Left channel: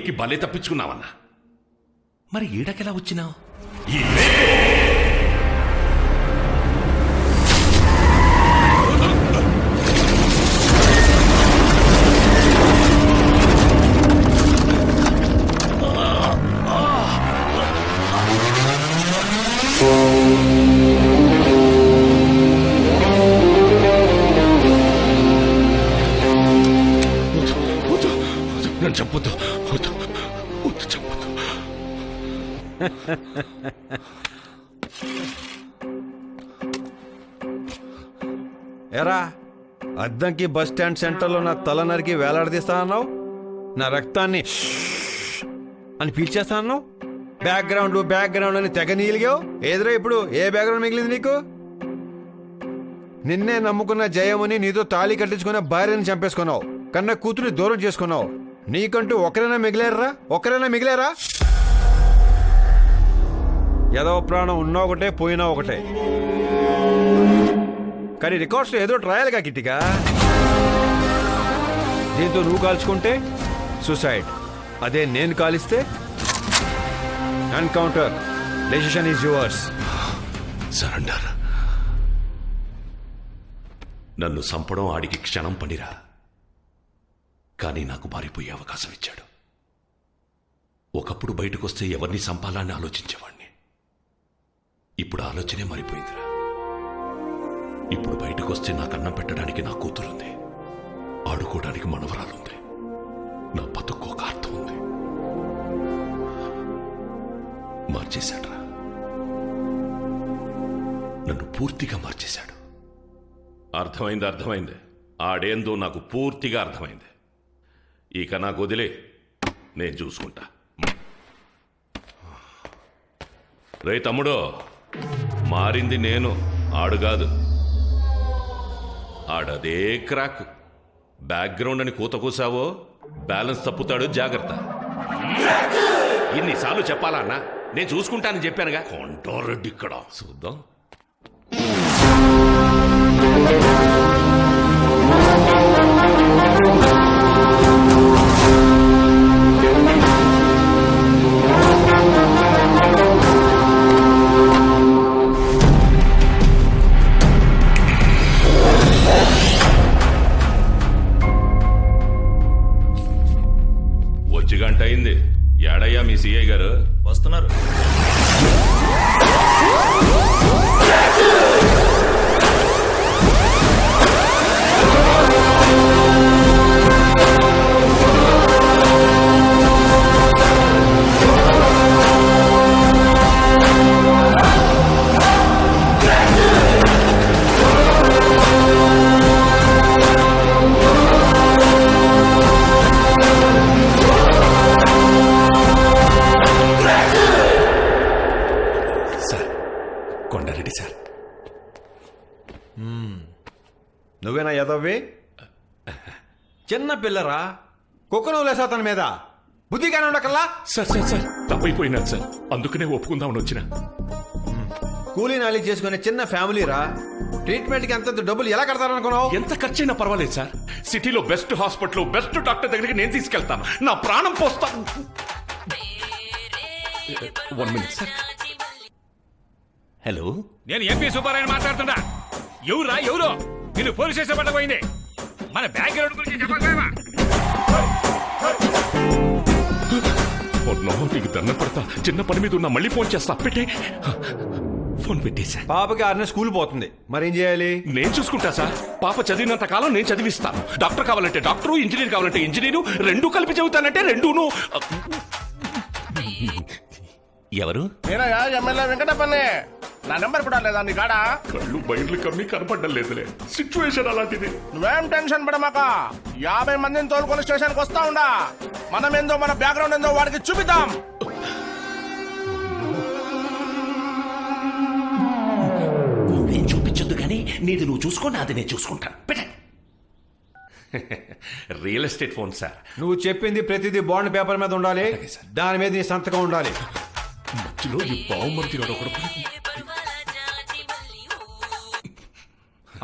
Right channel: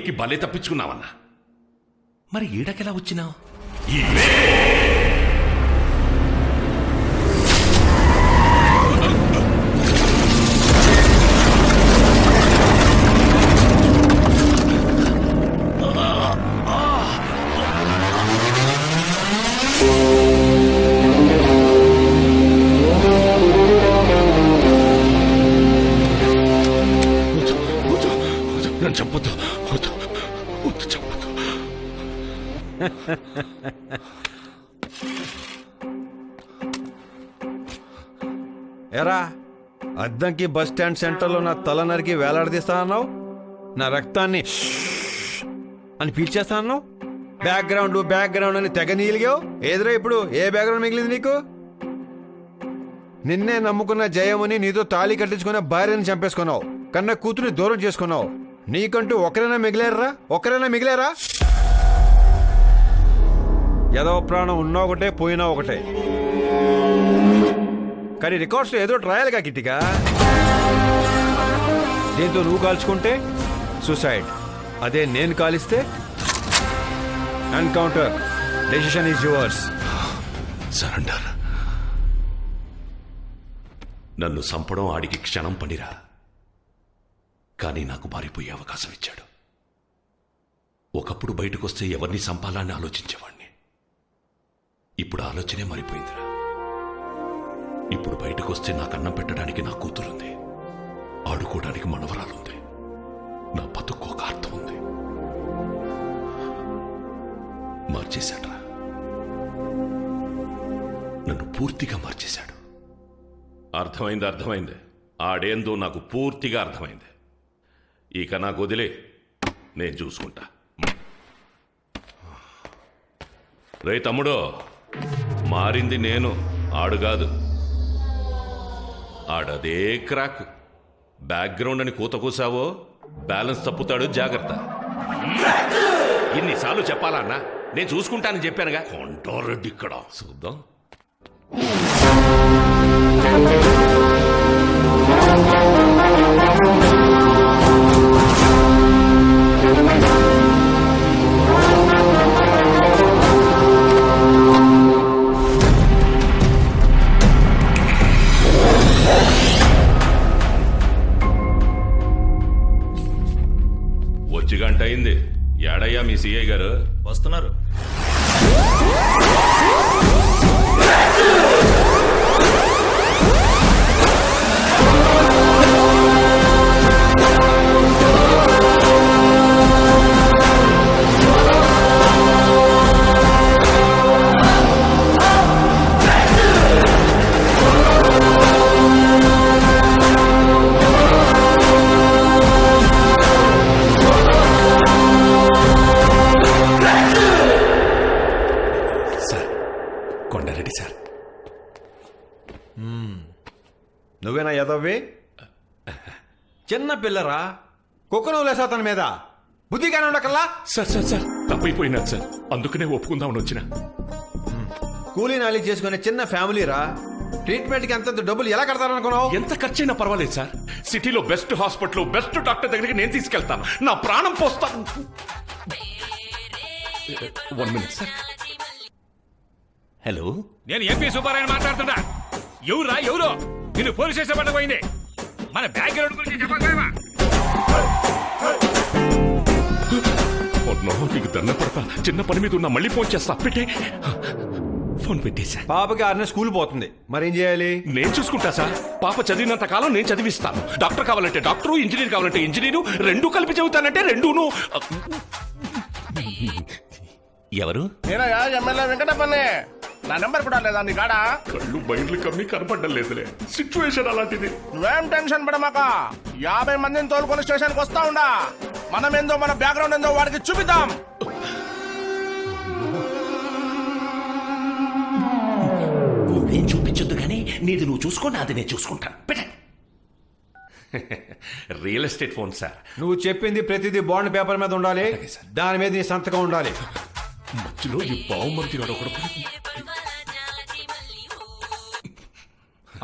ఎక్కి భలే తప్పించుకున్నావన్నా. మరి ఈడకెలా వచ్చినావు? నన్ను చంపొద్దు, వద్దు వద్దు, చంపొద్దు. ఎరా అద్దంకి బస్ స్టాండ్ సెంటర్లో నా తల నరికి వేలాడదీస్తా అన్నావు, నా రక్తాన్ని అని పీల్చేస్తా అన్నావు, బ్యాక్గ్రౌండ్ అని తెగ నీలిగావు. ఏదిరా ఇప్పుడు ఏ బ్యాక్గ్రౌండ్ మిగిలింది నీకు? నిన్నే నమ్ముకున్న జయముని నీతో తాళి కట్టించుకున్న భార్యని చంపేసుకున్నావు, కన్న కూతురిని దూరం చేసుకున్నావు. నీకంటూ ఒకరైనా మిగిలేరా? ఏదో ప్రాణం ఉన్నా ఒకటే పోయినా ఒకటే. కానీ రికార్డ్స్లో ఏదో రాయాలిగా కిట్టిగా. దీంతో నువ్వు కాల్చుకుంటే సూసైడ్, అదే నేను కాలిస్తే encounter. Decision is yours. Surrender. నన్ను చంపడం ఆడికి క్షణం పనిరా, కానీ నాకు మారిపోయే అవకాశం ఇచ్చాడు. ఒకప్పుడు బయటకొస్తే ఎవరిని చంపాలని ఆలోచించేవాణ్ణి. ఇప్పుడు ఆలోచనే మారిపోయిందిరా. ఇప్పుడు బయటకొస్తే నాకు అన్నం పెట్టడానికి నా కూతురుంది, ఆడుకోవడానికి మనవరాలుంది, నా బతుకు ఒక అర్థం ఉంది. మార్చేశాడ్రా, నన్ను పూర్తిగా మార్చేశాడు. అర్థమైంది. ఆడేందో నాకు పూర్తిగా అర్థమైంది. ఇక నాకు వదిలే, నేను చూసుకుంటా. రే తమ్ముడు, మారింది నేను, ఆడు కాదు. ఆడదే క్రాక్. బ్యాక్గ్రౌండ్ అని కూత కూసావో బ్యాలెన్స్ తప్పుతాడు, జాగ్రత్త. ఇన్నిసార్లు చెప్పాలా అన్నా? నేను చూసుకుంటానని చెప్పానుగా. కొంటారెడ్డి ఇక్కడ చూద్దాం. వచ్చి గంట అయింది. ఏడయ్యా మీ సిఐ గారు? వస్తున్నారు. కొండారెడ్డి సార్. నువ్వేనా యదవ్వి? చిన్న పిల్లరా, కుక్కను లేసా తన మీద బుద్ధిగానే ఉండకల్లా. సార్ తప్పైపోయినా సార్, అందుకనే ఒప్పుకుందామని వచ్చిన. కూలీ నాలి చేసుకునే చిన్న ఫ్యామిలీరా, ట్రీట్మెంట్కి అంత డబ్బులు ఎలా కడతారనుకున్నావు? ఎంత ఖర్చైనా పర్వాలేదు సార్. సిటీలో బెస్ట్ హాస్పిటల్, బెస్ట్ డాక్టర్ దగ్గరికి నేను తీసుకెళ్తాను. నా ప్రాణం పోస్తాను. 1 minute సార్. హలో, నేను ఎంపీ సుబ్బారాయణ మాట్లాడుతున్నా. ఎవరో నిన్ను పోలీస్ స్టేషన్ పట్టబోయింది. మన బ్యాక్గ్రౌండ్ గురించి చెప్పకపోయావా? నీకు దండం పడతా, చిన్న పని మీద ఉన్నా, మళ్ళీ ఫోన్ చేస్తా. పెట్టే. ఫోన్ పెట్టేశా. పాపకి 6 నెలలు స్కూల్ పోతుంది, మరేం చేయాలి? నేను చూసుకుంటా సార్. పాప చదివినంత కాలం నేను చదివిస్తాను. డాక్టర్ కావాలంటే డాక్టరు, ఇంజనీర్ కావాలంటే ఇంజనీరు, రెండూ కలిపి చదువుతానంటే రెండూను. ఎవరు? నేనయ్యా, ఎమ్మెల్యే వెంకటప్పనే. నా నెంబర్ కూడా లేదా నీ కాడా? కళ్ళు బయర్లు కమ్మి కనపడ్డం లేదులే. సిచ్యువేషన్ అలాంటిది. నువ్వేం టెన్షన్ పడమాక. 50 మందిని తోలుకొని స్టేషన్కి వస్తా ఉండా. మనం ఏందో, మన బ్యాక్గ్రౌండ్ ఏందో వాడికి చూపిద్దాం. నువ్వేం చూపించొద్దు గానీ నీది నువ్వు చూసుకో, నాది నేను చూసుకుంటాను. పెట్ట. Real estate phone sir. నువ్వు చెప్పింది ప్రతిదీ బాండ్ పేపర్ మీద ఉండాలి, దాని మీద నీ సంతకం ఉండాలి. మధ్యలో ఈ బావుమర్తి ఒకడు.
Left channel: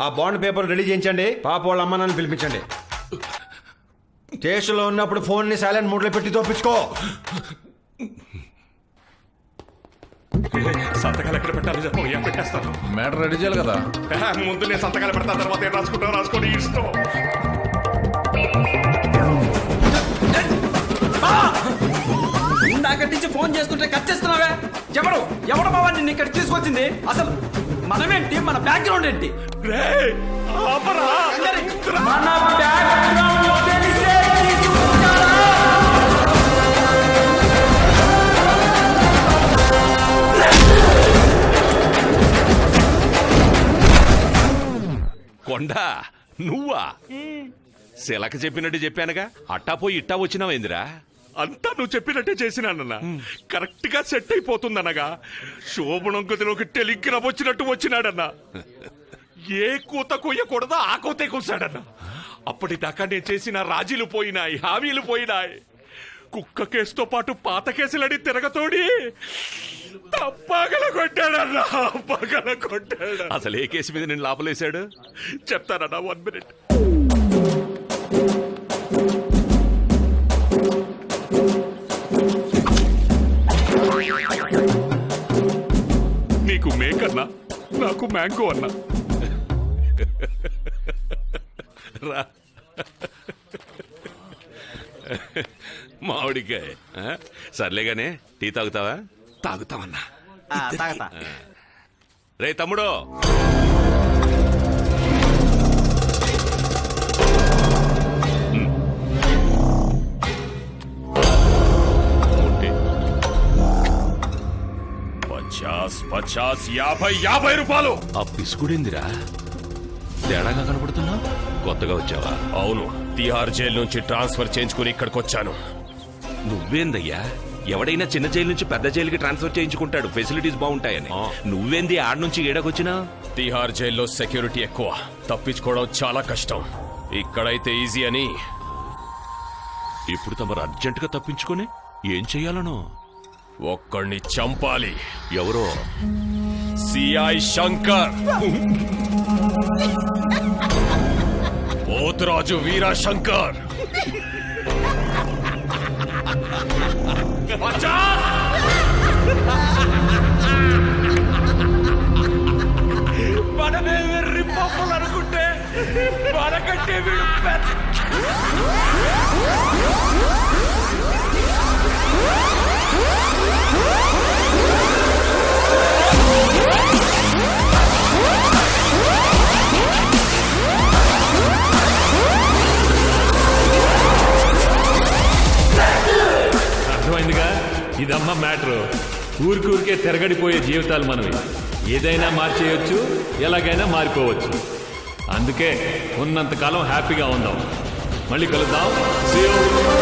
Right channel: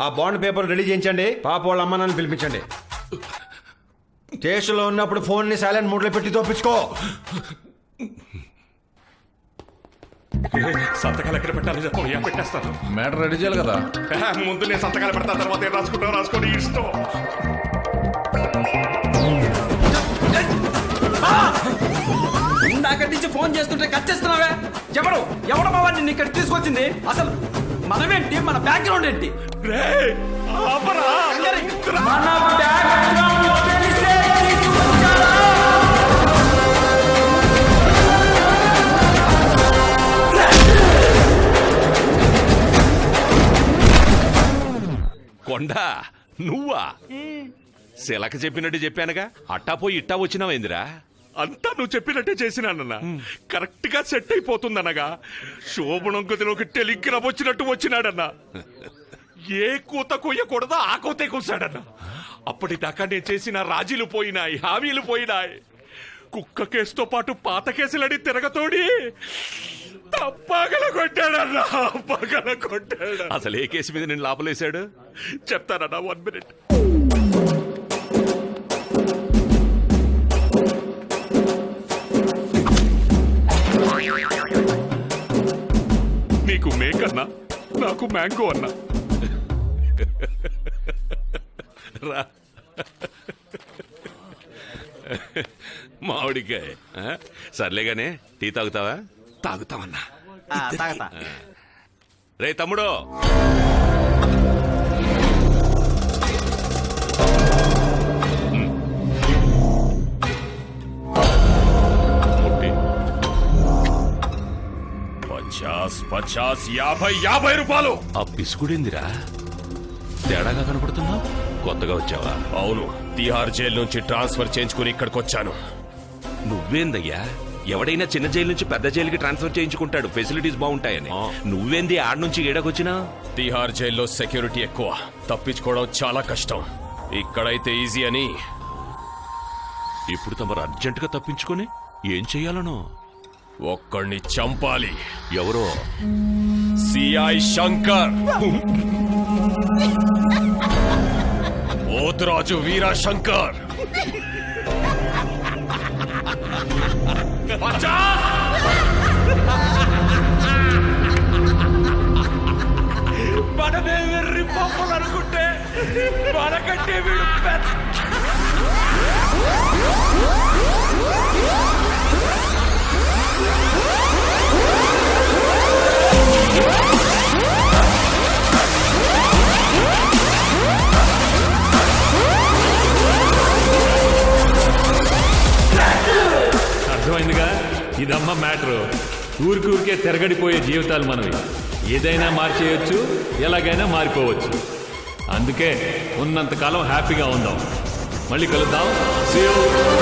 ఆ బాండ్ పేపర్ రెడీ చేయించండి, పాప వాళ్ళ అమ్మ నాన్న పిలిపించండి. స్టేషన్లో ఉన్నప్పుడు ఫోన్ని సైలెంట్ మోడ్లో పెట్టి తోపించుకో. సంతకాలు ఎక్కడ పెట్టాలో చెప్పయ్యా, పెట్టేస్తాను. మ్యాటర్ రెడీ చేయాలి కదా. ముందు నేను సంతకాలు పెడతా, తర్వాత ఏం రాసుకుంటావు రాసుకోండి, ఇష్టం. ఇందాక నుంచి ఫోన్ చేస్తుంటే కట్ చేస్తున్నావే. ఎవడు బాబా నిన్ను ఇక్కడ తీసుకొచ్చింది? అసలు మనమేంటి, మన బ్యాక్గ్రౌండ్ ఏంటి? మన బ్యాక్గ్రౌండ్ తెలిసే తీసుకొచ్చారా? కొండా నువ్వా? శిలక చెప్పినట్టు చెప్పానుగా, అట్టా పోయి ఇట్టా వచ్చినావేందిరా? అంతా నువ్వు చెప్పినట్టే చేసినానన్నా. కరెక్ట్ గా సెట్ అయిపోతుందనగా శోభనం గదిలోకి టెలిగ్రామ్ వచ్చినట్టు వచ్చినాడన్నా. ఏ కూత కొయ్యకూడదో ఆ కూతే కూసాడన్నా. అప్పటిదాకా నేను చేసిన రాజీలు పోయినాయి, హామీలు పోయినాయి. కుక్క కేసుతో పాటు పాత కేసులని తిరగతోడి పగల కొట్టాడన్నా, పగల కొట్టాడు. అసలు ఏ కేసు మీద నేను లోపలేశాడు చెప్తానన్నా, 1 minute. నీకు మేకన్నా, నాకు మ్యాంగో అన్నా. రా మామిడికాయ. సర్లేగానే టీ తాగుతావా? తాగుతామన్నా. తాగతా. రే తమ్ముడు, ముట్టి 50 రూపాయలు. ఆ పిసుకుడిందిరా, తేడాగా కనపడుతున్నా. కొత్తగా వచ్చావా? అవును, తిహార్ జైలు నుంచి ట్రాన్స్ఫర్ చేయించుకుని ఇక్కడికి వచ్చాను. నువ్వేందయ్యా? ఎవడైనా చిన్న జైలు నుంచి పెద్ద జైలుకి ట్రాన్స్ఫర్ చేయించుకుంటాడు, ఫెసిలిటీస్ బాగుంటాయని. నువ్వేంది ఆడ నుంచి ఈడకొచ్చినా? తిహార్ జైల్లో సెక్యూరిటీ ఎక్కువ, తప్పించుకోవడం చాలా కష్టం. ఇక్కడైతే ఈజీ అని. ఇప్పుడు తమరు అర్జెంటుగా తప్పించుకొని ఏం చెయ్యాలనో? ఒక్కడిని చంపాలి. ఎవరో? సిఐ శంకర్, పోతురాజు వీరా శంకర్. మనమే వెర్రి పప్పులు అనుకుంటే మనకంటే వీడు పెద్ద. అర్థమైందిగా, ఇదమ్మ మ్యాటరు. ఊరికే తిరగడిపోయే జీవితాలు మనవి. ఏదైనా మార్చేయొచ్చు, ఎలాగైనా మారిపోవచ్చు. అందుకే ఉన్నంతకాలం హ్యాపీగా ఉందాం. మళ్ళీ కలుద్దాం. See you.